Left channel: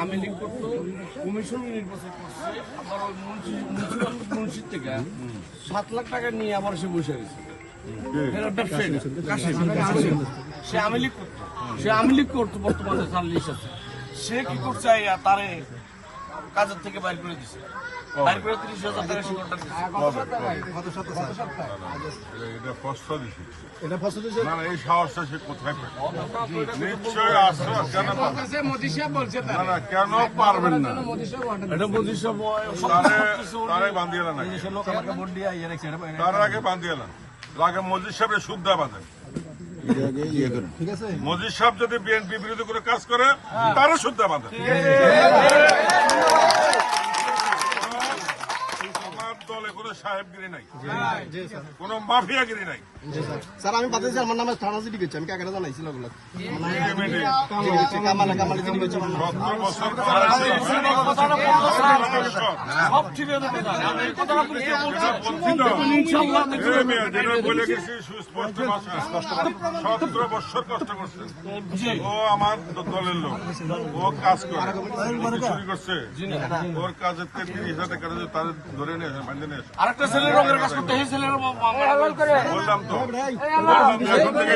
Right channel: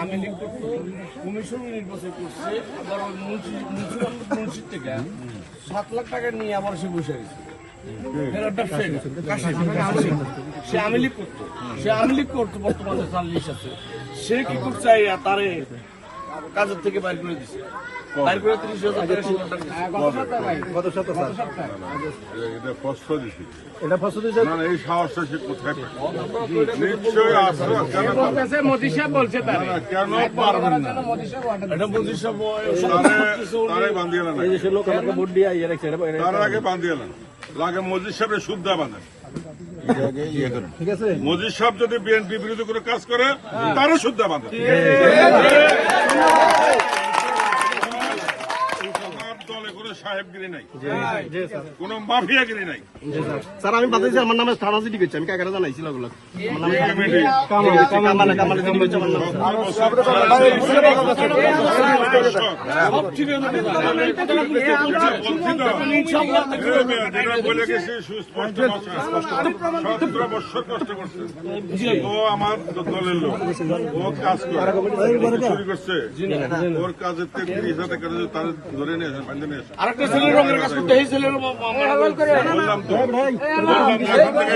আমি লিখ করতো কমিশন নির্বাচন করছে, আবার ওই মুন্সির থেকে 7 লাখ টাকা নিয়ে আবার সে বসে গেছে। সে আমি লিখ করতো, বর্তমানে জার্নালিস্ট আছে। সে কি করছে তারে কাজের থেকে বাইর করে দিচ্ছে, বাইর করে 30,000 এটা ফসল দিছে না, এই সাহসটা সে কোথায় নিশ্চয়ই আছে। মোদি সাহেব বলছে তারা কেন পারবেন না? এটা মোদি সাহেব এই দেশের লোক আমাকে ভোট দিয়ে ইয়ে রাখছে, তার আগে বান্ধিয়ে না লাগে মজিদ সাহেবের সুদ্ধা বাঁধে। ঠিক আছে, মজিদ সাহেব যদি বিএনপি বিরোধী করে কাজ করে তারও সুদ্ধা বাঁধে। দলে কোনো সাহেবগিরি নাই, কোন মাফিয়াগিরি নাই। স্যার আমি বাতাইছি আমার নামে থানা জিডি করছি, আমি কাকারা জানাইছিল ওগুলো বলে গেছি সুস্পষ্ট ভাষা, 17 বছর কষ্ট করছে। ও আমার দলের লোক, ও কাজ করে শুরু করছে, ওর কাজের থেকে তার ধরে নিয়ে আরেকটা ছেলে রঙের কাজ করতে, এই ছেলের বললাম তো এখন থেকে